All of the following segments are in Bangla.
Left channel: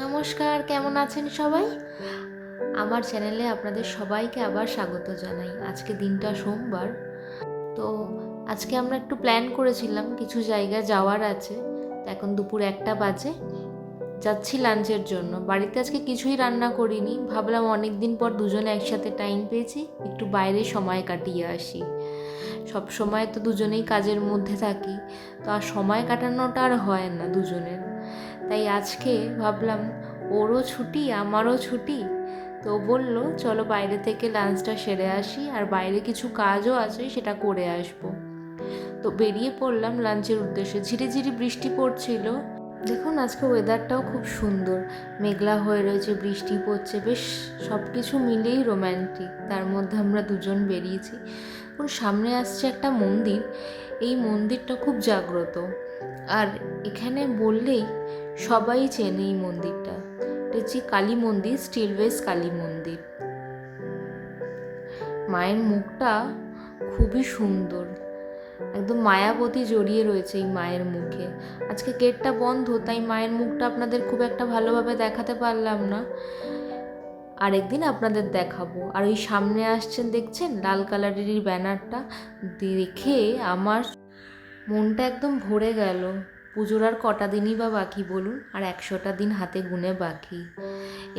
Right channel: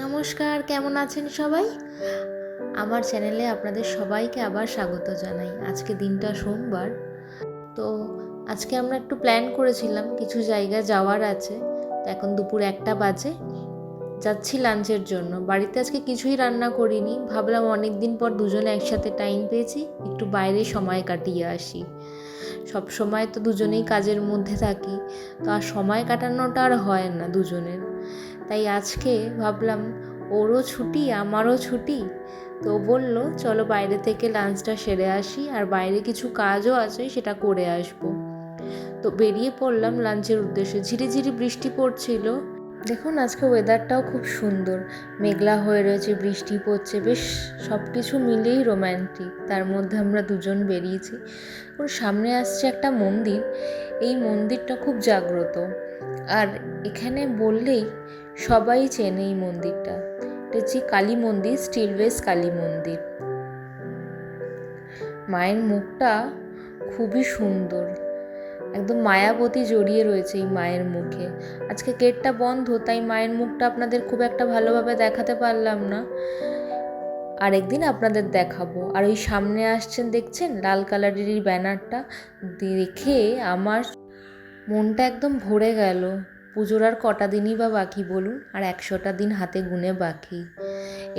নমস্কার, কেমন আছেন সবাই? আমার চ্যানেলে আপনাদের সবাইকে আবার স্বাগত জানাই। আজকে দিনটা সোমবার। তো আজকে আমরা একটু প্ল্যান করেছিলাম, কিছু জায়গায় যাওয়ার আছে। তো এখন দুপুর 1টা বাজে, যাচ্ছি লাঞ্চের জন্য। বাড়িতে আজকে কিছুই রান্না করিনি, ভাবলাম অনেক দিন পর দুজনে একসাথে টাইম পেয়েছি, একটু বাইরে সময় কাটিয়ে আসি। সব সময় তো দুজনেই কাজের মধ্যে থাকি, তো আর সময় কাটানোটা আর হয় না দুজনের। তাই আজকে ভাবলাম ওরও ছুটি আমারও ছুটি, তো বলল চলো বাইরে থেকে লাঞ্চটা সেরে আসি, আর বাইরে কিছু কাজও আছে সেটা করে আসবো। তো বেরিয়ে পড়লাম লাঞ্চের উদ্দেশ্যে। ঝিরিঝিরি বৃষ্টি পড়ছিল। দেখুন আজকে ওয়েদারটাও খুব সুন্দর, মেঘলা হয়ে রয়েছে, বৃষ্টি পড়ছে, বেশ সব কিছু মিলেই রোম্যান্টিক। তার মধ্যে আমরা দুজন বেরিয়েছি। ওর সামনে আসছে একটা মন্দির, এই মন্দিরটা খুব জাগ্রত, আর এখানে বললেই সবাই চেনে এই মন্দিরটা। এটা হচ্ছে কালী মন্দির, স্টিল বেস কালী মন্দির। মায়ের মুখটা খুবই সুন্দর, একদম মায়াবতী জড়িয়ে রয়েছে এই মায়ের মুখে। আজকে গেটটা বন্ধ, তাই মায়ের মুখটা আপনাদের খুব একটা ভালোভাবে দেখাতে পারলাম না, আরেকদিন আপনাদের দেখাবো। আর ওই সামনে আসছেন দেখছেন লাল কালারের এই ব্যানারটা, দেখে আমার মনটা একদম ভরে গেল। পুজোর আর কটা দিনই বা বাকি বলুন, আর 100টা দিন হাতে গুনে বাকি।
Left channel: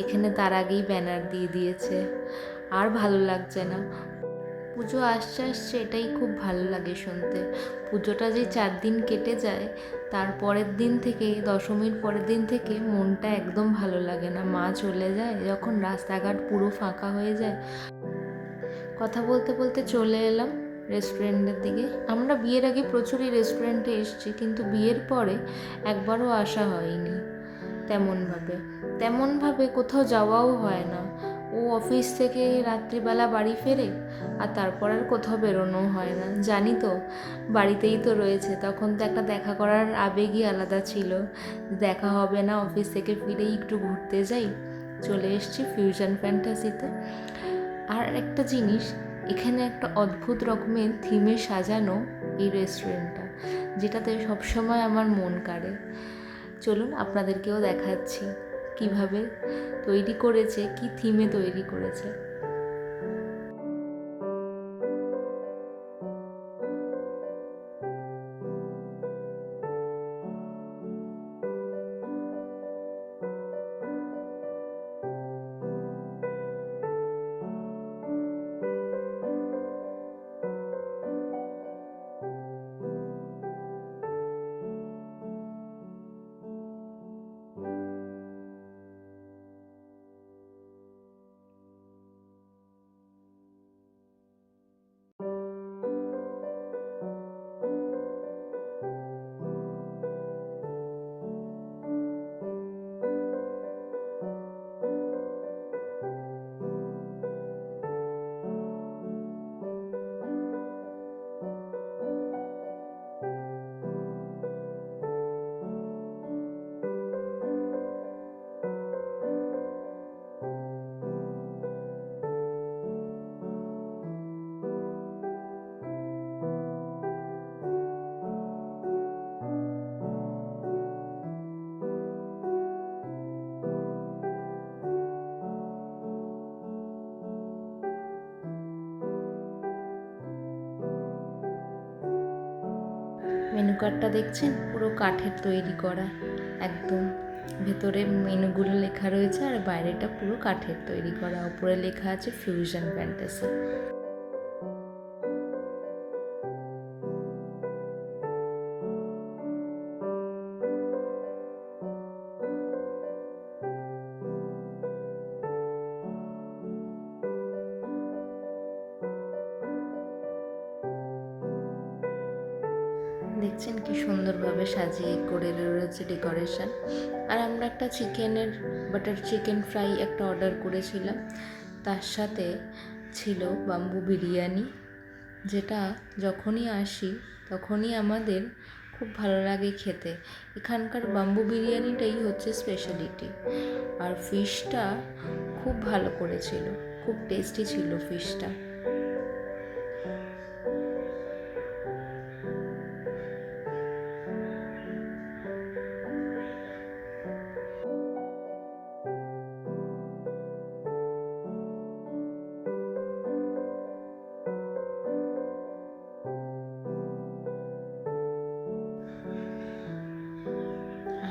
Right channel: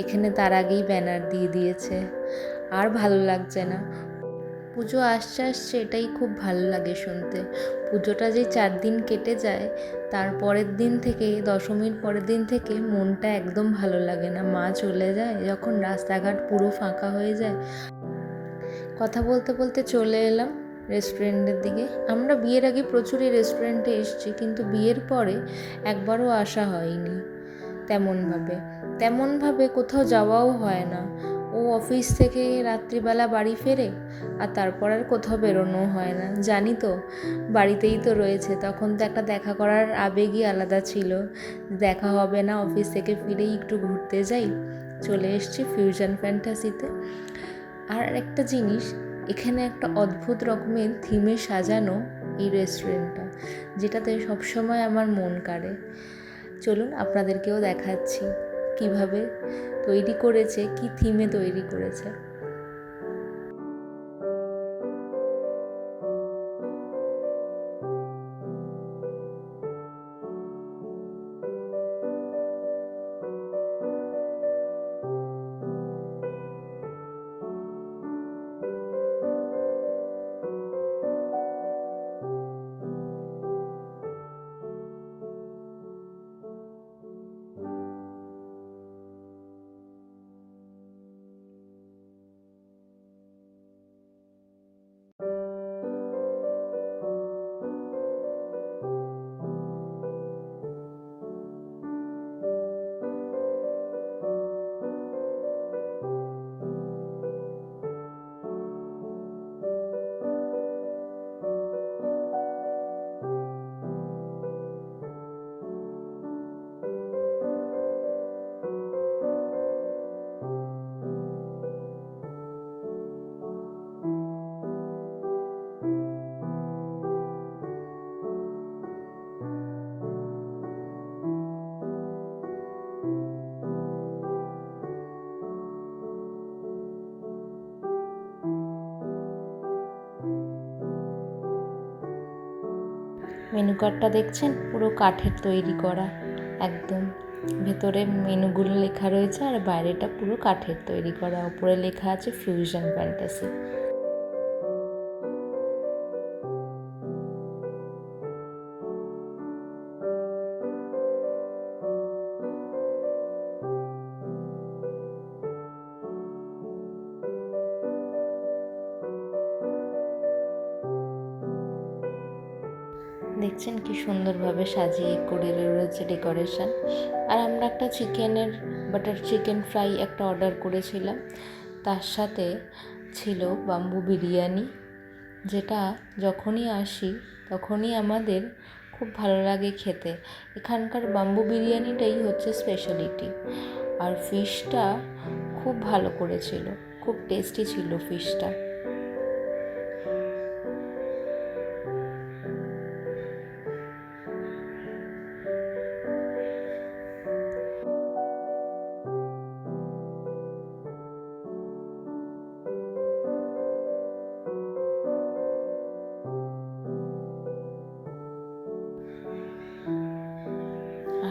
এখানে তার আগেই ব্যানার দিয়ে দিয়েছে, আর ভালো লাগছে না। পুজো আসছে আসছে এটাই খুব ভালো লাগে শুনতে। পুজোটা যে 4 দিন কেটে যায়, তার পরের দিন থেকে, দশমীর পরের দিন থেকে মনটা একদম ভালো লাগে না। মা চলে যায় যখন, রাস্তাঘাট পুরো ফাঁকা হয়ে যায়। কথা বলতে বলতে চলে এলাম রেস্টুরেন্টের দিকে। আমরা বিয়ের আগে প্রচুরই রেস্টুরেন্টে এসেছি, কিন্তু বিয়ের পরে একবারও আসা হয়নি তেমনভাবে কোথাও যাওয়াও হয় না। ও অফিস থেকে রাত্রিবেলা বাড়ি ফেরে, আর তারপর আর কোথাও বেরোনো হয় না। জানি তো, বাড়িতেই তো রয়েছে, তখন তো একটা দেখা করার আবেগই আলাদা ছিল। দেখা হবে না, অফিস থেকে ফিরেই একটু ঘুরতে যাই। চলে এসেছি ফিউশন ফ্যান্টাসিতে। আর একটা জিনিস, এখানে একটা অদ্ভুত রকমের থিমে সাজানো এই রেস্টুরেন্টটা, যেটাতে সবসময় আমার মন কাড়ে। চলুন আপনাদেরকেও দেখাচ্ছি কিভাবে তৈরি করেছে, কি থিমে তৈরি করেছে। মেনু কার্ডটা দেখছেন, পুরো কাঠের তৈরি করা, একদম ভেতরে মেনুগুলো লেখা রয়েছে, আর বাইরেটা পুরো কাঠের তৈরি করা। উপরে লেখা আছে ফিউশন ফ্যান্টাসি। দেখছেন কি সুন্দরভাবে সাজিয়ে করে রয়েছে ডেকোরেশন। আর আমরা একটা চিকেনের বাটার চিকেন ফ্রাই একটা অর্ডার করেছিলাম, তার সাথে ছিল বাম্বু বিরিয়ানি, যেটা যখনই আসি তখনই আমাদের খুব ভালো লাগে খেতে। এখানকার বাম্বু বিরিয়ানিটাই হচ্ছে স্পেশালিটি। আর ফিশটা খুব ভালো করেছিল, খুব টেস্টি ছিল ফিশটা।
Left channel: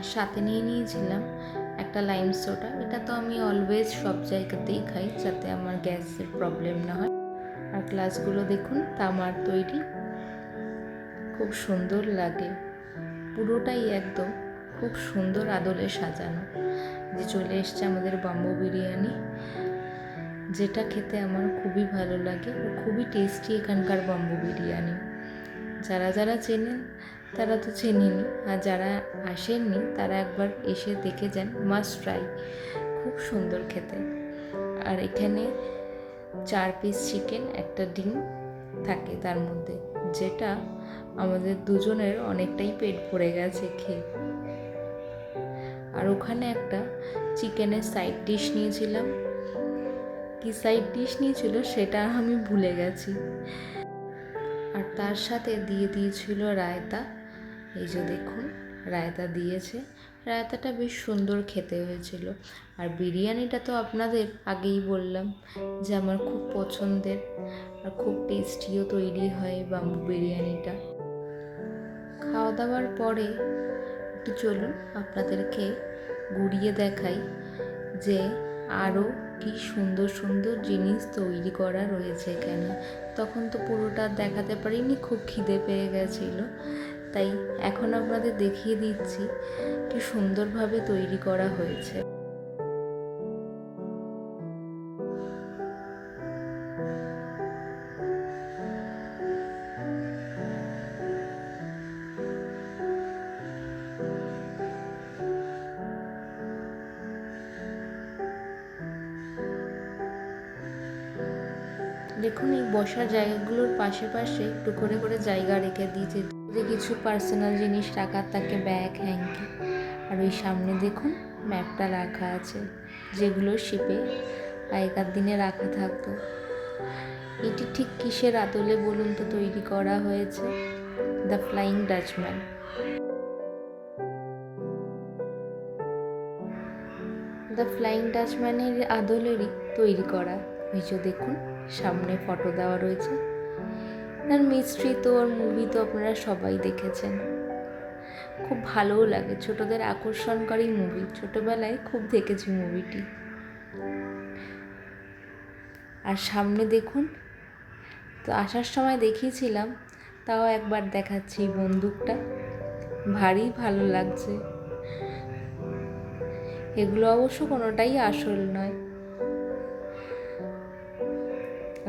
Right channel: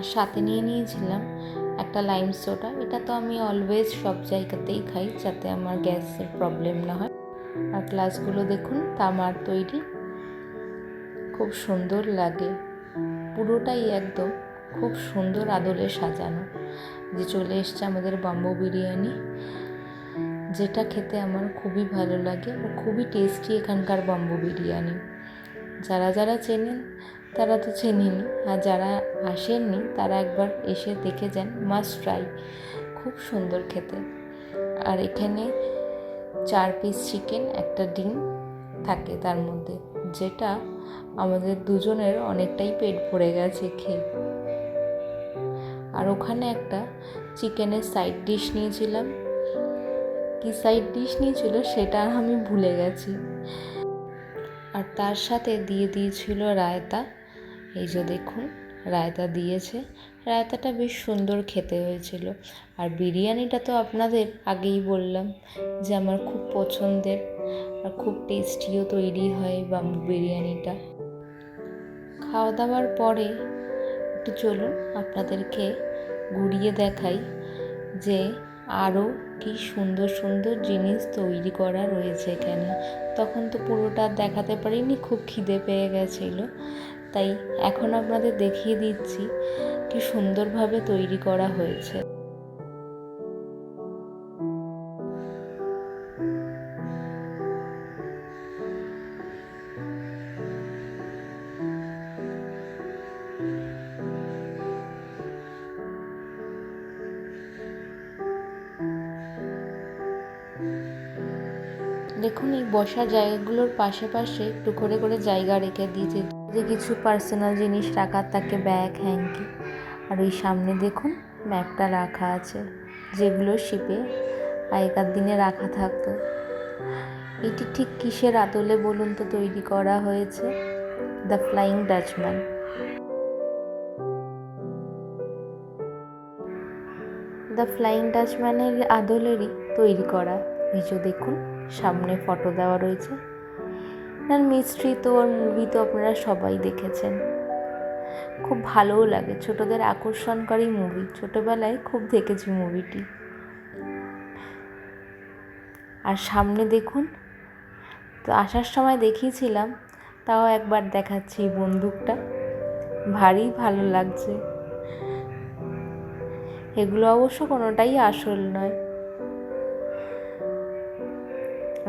আর সাথে নিয়ে নিয়েছিলাম একটা লাইম সোডা। এটা তো আমি অলওয়েজ সব জায়গাতেই খাই যাতে আমার গ্যাসের প্রবলেম না হয়। আর গ্লাসগুলো দেখুন তামার তৈরি, খুব সুন্দর লাগে। পুরোটাই একদম খুব সুন্দর আদলে সাজানো। যে চলে এসছে আমাদের বাম্বু বিরিয়ানি, যেটা খেতে আমার খুবই ভালো লাগে আর খুবই টেস্টি এখানকার বাম্বু বিরিয়ানি। যারা যারা চেনেন তারা তো চেনেনই, আর যারা আসেননি তারা একবার এসে দেখে যান, মাস্ট ট্রাই, খুব সুন্দর খেতে। আর এখানে 4 পিস চিকেন, একটা ডিম থাকে তার মধ্যে, যেটা আমাদের দুজনের অনেকটাই পেট ভরে গেছে খেয়ে। আর ওখানে একটা চিকেনের সাইড ডিশ নিয়েছিলাম, কি সাইড ডিশ নিয়েছিল সেটা আমি ভুলে গেছি। আর তার সাথে দিয়ে দিয়েছিল রায়তা। এই যে দেখুন রায়তা দিয়েছে, রায়তাটা বেশ সুন্দর খেতে হয়েছিল। আর বিরিয়ানিটা তো আপনাদের আগেই বললাম যে আমার খুব পছন্দের, আর খুব টেস্টিও তৈরি হয় বাম্বু বিরিয়ানিটা। খাওয়া দাওয়ার পরে একটু চলুন আপনাদেরকে ঘুরিয়ে দেখাই যে আরও কি সুন্দর সুন্দর জিনিস তৈরি করা রয়েছে এখানে। তখন তো পুরোটা দেখাতে পারিনি, খুব খিদে পেয়ে গেছিলো, তাই এখন আপনাদের দেখিয়ে দিচ্ছি কি সুন্দরভাবে তৈরি করা হয়েছে। দেখুন এই বসার জায়গাগুলোর পাশে পাশে একটু করে করে জায়গা রেখে দিয়েছে, যদি কিছু পার্সোনাল জিনিস রাখার থাকে, ব্যাগ, হ্যাঙ্কি। আর ওই সামনে দেখুন ম্যাপটা রাখা আছে, যেগুলো শিপে আগেকার দিনে রাখা থাকতো। এটি ঠিক কিসের আদলে বলুন তো তৈরি করা হয়েছে? The flying Dutchman. The flying ডাচম্যানের আদলেরই তৈরি করা। এই যে দেখুন সামনে ফটো দেওয়া রয়েছে। আর মিস্ট্রি তো ওর মুভি তো আপনারা সবাই দেখেছেন, খুব ভালোও লাগে, ছোটদের আকর্ষণকারী মুভি, ছোটবেলায় খুব দেখেছি মুভিটি। আর সামনে দেখুন, তো আসার সময় দেখিয়েছিলাম, তাও একবার দেখাচ্ছি, বন্দুকটা ভারী ভালো লাগছে। এগুলো অবশ্য কোনোটাই আসল নয়।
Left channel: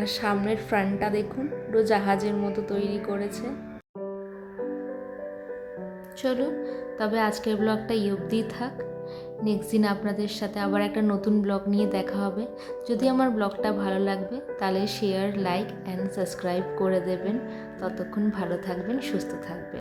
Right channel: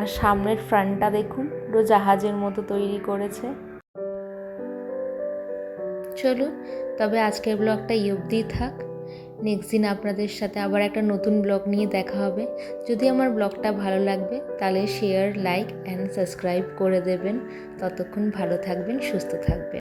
আর সামনের ফ্রন্টটা দেখুন পুরো জাহাজের মতো তৈরি করেছে। চলুন তবে আজকের ব্লগটা এই অবধিই থাক। নেক্সট দিন আপনাদের সাথে আবার একটা নতুন ব্লগ নিয়ে দেখা হবে। যদি আমার ব্লগটা ভালো লাগবে তাহলে শেয়ার, লাইক অ্যান্ড সাবস্ক্রাইব করে দেবেন। ততক্ষণ ভালো থাকবেন, সুস্থ থাকবেন।